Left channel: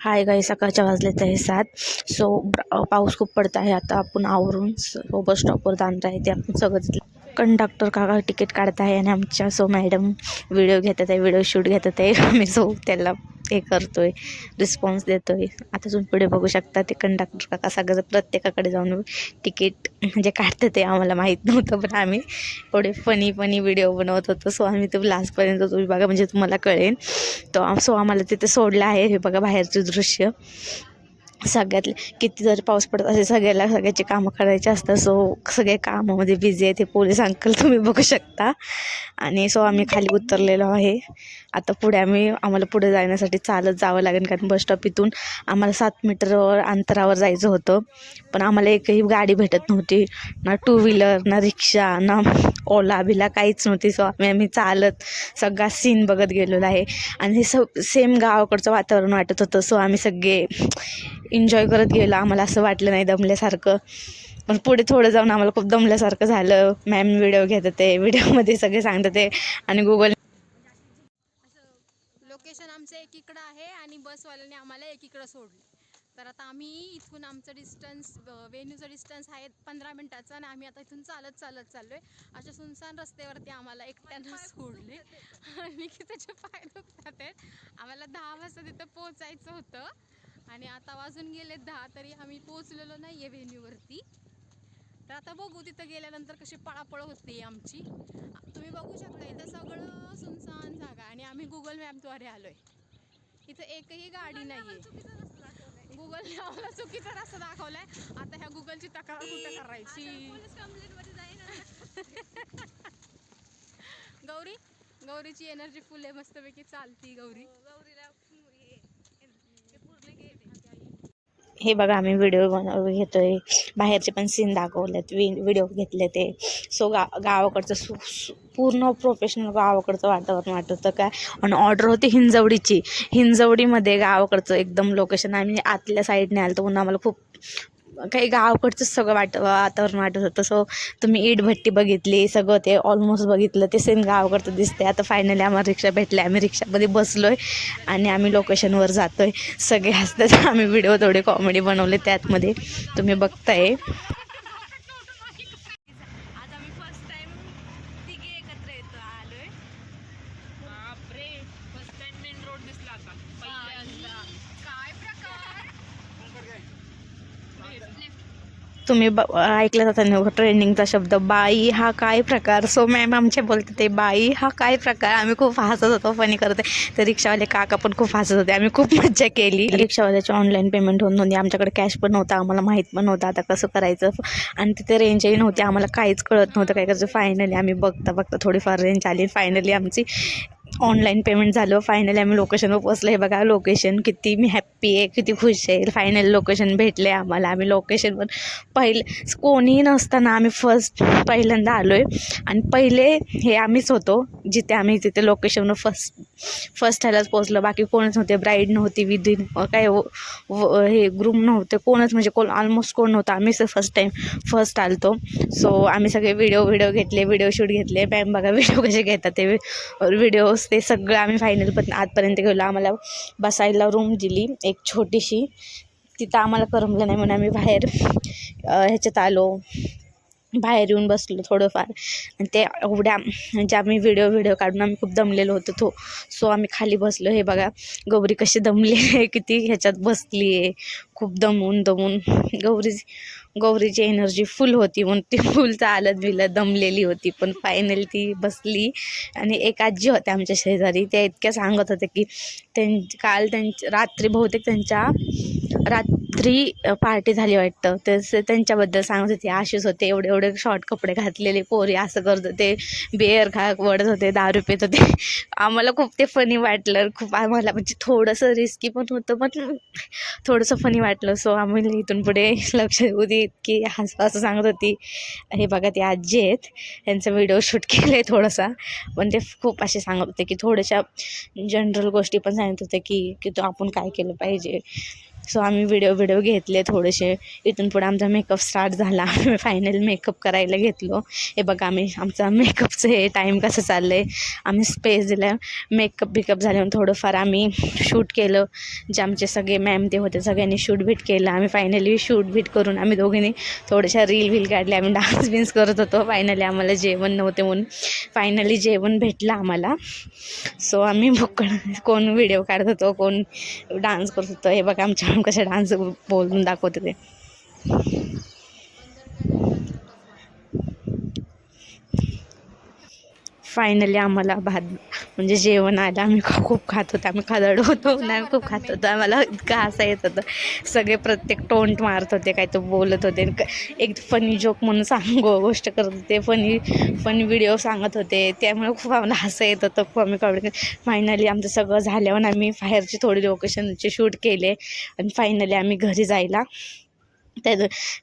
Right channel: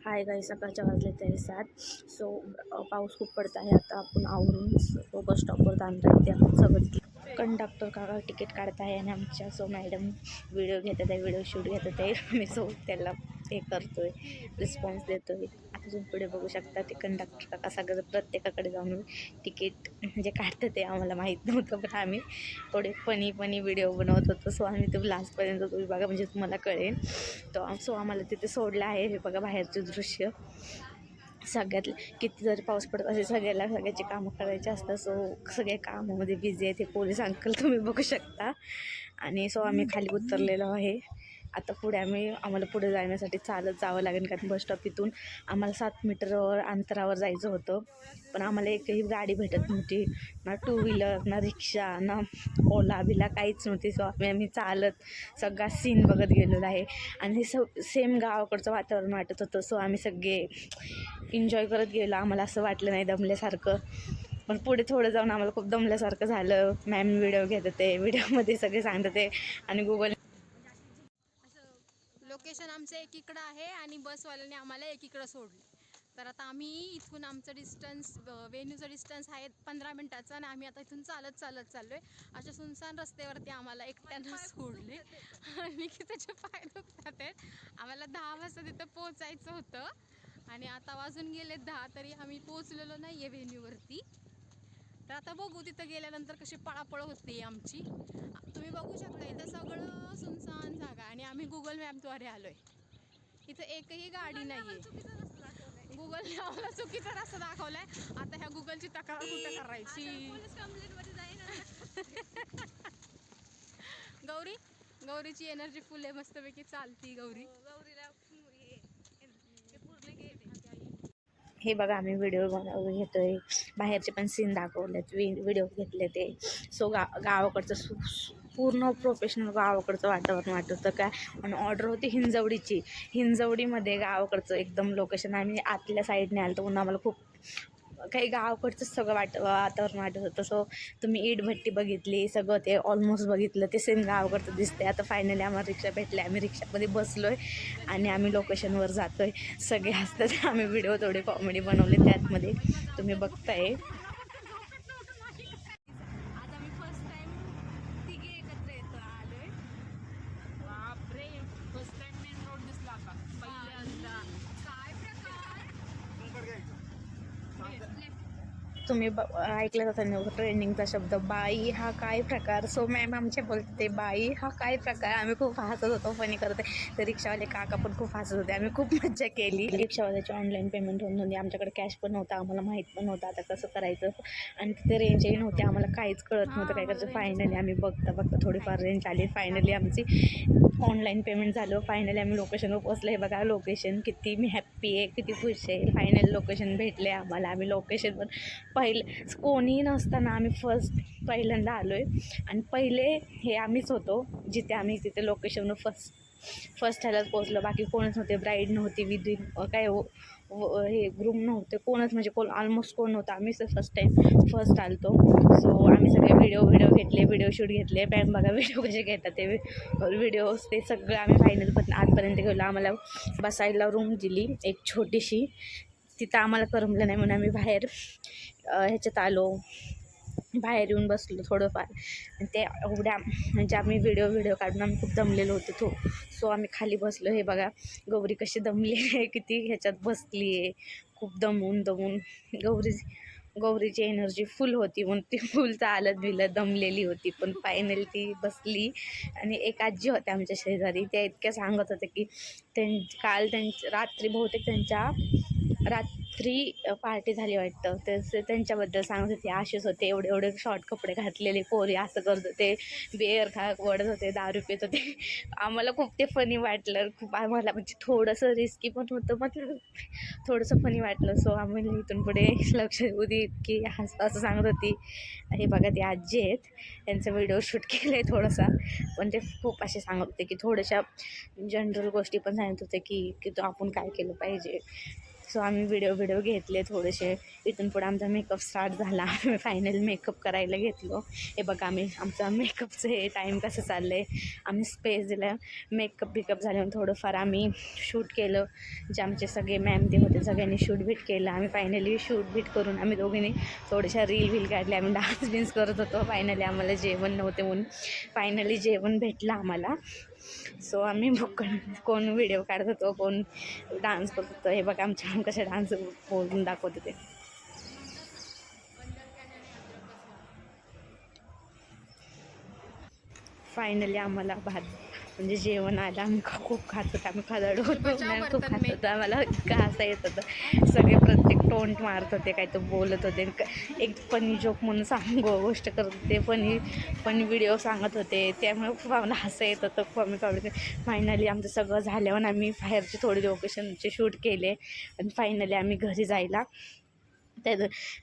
हाय गाई, सकाळच्या वाजलेत आहे 7. सो पाऊस खूप पडत आहे. आता आपण आवरून बस स्टॉपवर जाणार आहे. ते आपण सगळं कंडक्टर काका तिकीट काढत आहे आणि आमच्या मॅडम व्हिडिओ घेतात आहे, व्हिडिओ शूट घेतात आहे. आम्ही त्याला हे करतोय, रिस्पॉन्स देतोय. आता तुम्ही पुढे बघू शकता ते कंडक्टर काका सगळं प्रत्येकाकडे जाऊन तिकीट म्हणजे काढतात. ते आम्हाला माहीत नव्हतं, पण आम्ही थोडे फनी व्हिडिओ बनवत होतो. सो आम्ही ते लास्टपर्यंत तुम्ही बघा, म्हणजे तुम्हाला कळेल. सो आम्हाला तिथे सोडलं आहे. हे बघा बाहेरचे दृश्य. सगळ्यातले किती जर पाऊस पडत असेल, सगळ्याची कामं करायची असतात. सो सगळे कामामध्ये बिझी आहे. ते पोलीस अंकल तुम्ही बघू शकता. आणि सो आम्ही खाली उतरलेलो आहे. आता आम्हाला पुढे जाण्यासाठी चालत जावं लागेल, कारण बस स्टॉप इथून आम्हाला 7 मीटरवर अंतरावर जायचं होतं. पण आम्हाला एकही गाडी भेटत नव्हती, ना टू व्हीलर, ना रिक्षा, ना ओला बिला काहीच नव्हती. सो आम्ही चालत सगळा सीन बघत गेलेलो आहे. आणि हे सेम गावाकडचं वातावरण वाटत होतं. सो आम्ही सगळे एन्जॉय करत गेलो. आम्हाला असं वाटलं नाही दमल्यासारखं. पण पुढे थोडं जाऊन आम्हाला खूप दमल्यासारखं झालं. मॅम व्हिडिओ घेत होते, व्हिडिओमध्ये सगळे सांगत होते. आणि गुगल लोकेशन आमचं एकीकडं आहे आणि बसवाल्याने आम्हाला एकीकडं सोडले. तर आता आम्ही इथून आमचं डिस्टन्स वेन्यूचं डिस्टन्स आहे 15 मिनिटाचं, आणि आम्ही आता इथून चालत चाललो आहे. अशा सुनसान रस्त्यावरती आम्हाला एकट्यानं सोडले आणि की त्याचे पाय दुखतात आहेत. आम्हाला 10 वाजता तिथं पोचायचं होतं आणि आता वाजून गेले 10, तरी आम्ही पोचलेलो नाही आहे व्हेन्यूवरती. तर आता बघू तिथं गेल्यानंतर कशी पळापळ होते आमची. तुम्ही बघू शकता इथं सगळं सुनसान जागा, आणि आम्ही गुगल मॅपद्वारे आलोय. इथं एकही गाडी नाहीये. गुगलने आम्हाला चुकीचा रस्ता दाखवलाय. आता ह्या गुगलची तक्रार कुठं करायची? गौरीची एनर्जी फुल आहे, मस्तपैकी चालती गौरीला. हे बघा, आम्ही व्हिडिओ घेतोय. बाहेरचे पण सीन दाखवलेत, व्हिडिओ घेतले ते. सो गावाकडचं पूर्ण प्रोफेशनल गावाकडचं वातावरण वाटत होतं काय. आणि ऑर्डर होती हिंजवडीमध्ये गावाकडचं एकदम लोकेशन. आम्ही आतल्या साईडने आलो, म्हणून आम्हाला खूप काही गावाकडचंच सगळं वातावरण वाटत होतं. सो तुम्ही इटभट्टी बघितली, सगळं ते ऑलमोस्ट बघितलं, ते सेम गावाकडचं दिसते. आता फायनली आम्हाला रिक्षा भेटली, आम्ही रिक्षामध्ये बसलोय आणि आम्ही लोकेशनवर जातोय. सगळे हसतात. आम्ही व्हिडिओ थोडे कॉमेडी बनवले त्यातमध्ये, तुम्ही बघताय. तुम्ही ऐकलं जातं ट्रेंडिंगचा शब्द बाई हा काय प्रकार. सो मॅम आमचे बोलते ते बाई हा काय प्रकार. आम्ही खूप हसत होतो, फनी करते. ते रिक्षावाले काका पण खूप हसत होते. आम्ही खूप मज्जा केली. रिक्षावाल्याची ऑनलाईन पेमेंट होऊन नव्हती, आमच्याकडे कॅश पण नव्हता, आम्हाला माहीत पण नव्हतं आता कसं करायचं. आणि तिथे रेंजही नव्हती, आम्हाला काहीच कळत नव्हतं काय करायचं. फायनली आम्ही बघता थोडीफार रेंज आली. फायनली आमची ऑनलाईन पेमेंट झालं. फायनली आम्ही लोकेशनवर पोचलो. हे बघा लोकेशन, किती मी हॅप्पी आहे, किती खुश आहे. फायनली लोकेशन भेटले आम्हाला. आम्ही लोकेशनवर कोणीही नसताना आम्ही पहिल्यांदा आलो आहे. आणि पहिले हे आम्हीच होतो जिथे आम्ही तिथे लोकेशनवर फर्स्ट ह्यालाच पोचलो. बाकी कोणच नव्हते, ब्राईड नव्हती, विदिन काय हे ग्रूम नव्हते, कोणच म्हणजे ऑलमोस्ट कोण नव्हतं. आम्हीच फर्स्ट आलतो. सो आम्ही सगळे व्हिडिओ घेतले, व्हिडिओ शूट घेतले. मॅम बघा व्हिडिओ कसे घेतात ते व्हिडिओज, ते सगळं आम्ही फायनल पण आतपर्यंत गेलो. आम्हाला बसायला रूम दिली एक छोटीशी, तिथं आम्हाला करमलं नाही म्हणून आम्ही बाहेर ह्याच्यात आलो, बाहेर येऊन बसलो थोडंफार. आणि ते एवढ्या म्हणजे आम्ही व्हिडिओ काढून आम्ही खूप दमलेलो होतो. सो आम्ही खाली बसलो. हे बघा गौरी कशी दमली आहे, किती ह्याच्यात बसली आहे, खूप दमून गौरीची एनर्जी फुल होती म्हणून ती फुल चालत दमलेली होती. पण फायनली ती बसली. आणि एक आजी होत्या आमच्या शेजारी, त्या इतक्या सांगत होत्या की काल रात्री बहुतेक रात्री पार्टी झाली वाटतं. त्यांच्याबद्दल सांगत होते. असेच होते, एवढे शॉर्ट कपडे घातलेले पोरी, असं करत होते, बेअर वडत होते, दारू पित होते. आम्हाला खूप ते फनी वाटलं. खूप आम्हाला म्हणजे थोडंसं रिस्की पण होतं, पण थोडंसं फनी वाटलं. सो आम्ही इथून पुढे लक्ष देऊ दे की असं सांगत होती. हे बघा ते आजी आहेत, त्यांचा व्हिडिओ शूट केलं आहे थोडासा. पण ते खूप असे सांगत होते की थोड्याशा जनरल गोष्टी पण सांगत होते की तो आपण काय केलं पाहिजे. सो आम्ही व्हिडिओ घेतले थोडेसे. इथून पुढे आमचा मेकअप स्टार्ट झाला. आम्ही फायनल मेकअप करायला घेतलो. हे बघा आमचा मेकअपचं हे टाईम कसं चाललं आहे. आम्ही स्पेस दिला. मेकअप झाल्यावर थोडंफार आम्ही शूट केलं. जे आमचे सगळे मॅम ते होते सगळ्यांनी शूट बीट केलं. आम्ही फायनली शूट बीट करून आम्ही दोघींनी थोड्याशा रील काढले. आम्ही डान्स करत होतो. फायनली आम्हाला जेवण नव्हते म्हणून फायनली जेवण भेटलं आम्हाला. सो आम्ही कोण व्हिडिओ काढत होतो, कोण डान्स करत होतं. हे बघा आमच्या कशा डान्स बोलून दाखवत होते. फायनली आम्हाला म्हणजे जेवण आलं. आम्ही खूप खात होतो. आम्ही खादड होतो ना, खूप खात होतो. आम्हाला इतकं हसा येत होतं. सगळे प्रत्येक टोंट मारत होते, काय तो बोलत होते. एक फनी जोक म्हणून गोष्ट करत होते. फनी व्हिडिओ सांगत होते. त्यामुळे खूप आम्हाला हसा येत होतं. खूप आम्ही कॉमेडी. फायनली आमचं सगळं झाल्यावर आम्ही बाहेरचे थोडे लोकेशनचे शूट केले आणि फायनली आम्ही घरी जायला.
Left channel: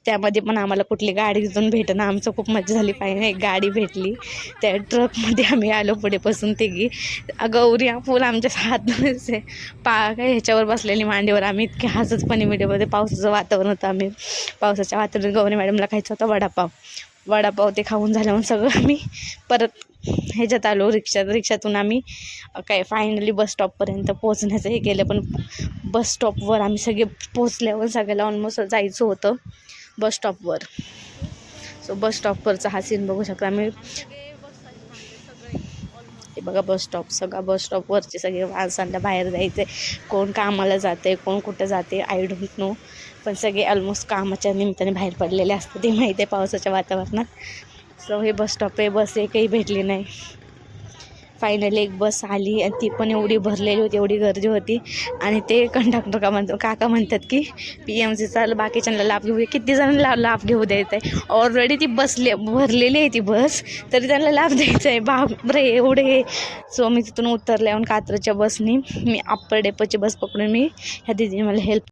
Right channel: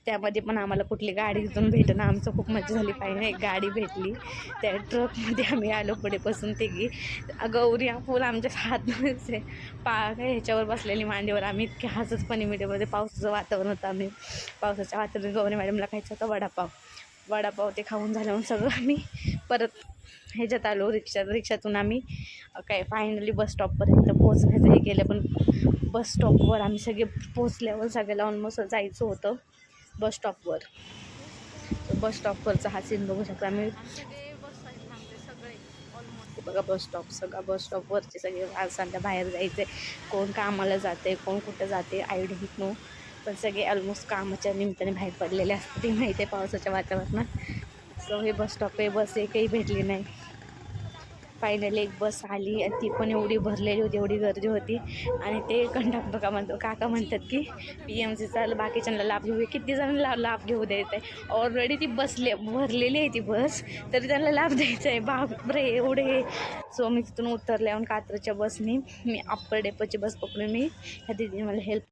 त्यामध्ये पण आम्हाला कुठली गाडी तिथून भेटणं. आमचं खूप मजा झाली. फायनली एक गाडी भेटली. त्या ट्रकमध्ये आम्ही आलो पुढे बसून तिघी. गौरी फुल आमच्या हात काय ह्याच्यावर बसलेली मांडीवर. आम्ही इतके हसतपणे व्हिडिओमध्ये. पावसाचं वातावरण होतं. आम्ही पावसाच्या वातावरणात गौरी मॅडमला खायचं होतं वडापाव ते खाऊन झाल्यावर सगळं आम्ही परत ह्याच्यात आलो. रिक्षातून आम्ही काय फायनली बस स्टॉपपर्यंत पोहोचण्याचं हे केलं. पण बस स्टॉपवर आम्ही सगळे पोचल्यावर सगळ्याला ऑलमोस्ट जायचं होतं बस स्टॉपवर. सो बस स्टॉपवरचा हा सीन बघू शकता. आम्ही हे बघा सगळा बस स्टॉपवरचे सगळे माणसांना बाहेर जायचे. कोण कामाला जाते, कोण कुठं जाते, आय डोंट नो. पण सगळे ऑलमोस्ट कामाच्या निमित्ताने बाहेर पडलेले असतात. ते माहिती आहे पावसाच्या वातावरणात. सो हे बस स्टॉप आहे. बस एकही भेटली नाही. फायनली एक बस आली आणि ती पण एवढी भरलेली होती, एवढी गर्दी होती. आणि ते कंडक्टर काका म्हणतात की PMCचा बाकीच्यांना लाभ घेऊ दे. किती जणांना लाभ घेऊ द्यायचा आहे. ऑलरेडी ती भरलेली आहे ती बस, तरी त्यांना लाभ द्यायचा आहे. बापरे एवढे. सो मी तिथून उतरल्यावर कात्रच्या बसनी मी अप्पर डेपोची बस पकडून ह्या दिदीने मला हेल्प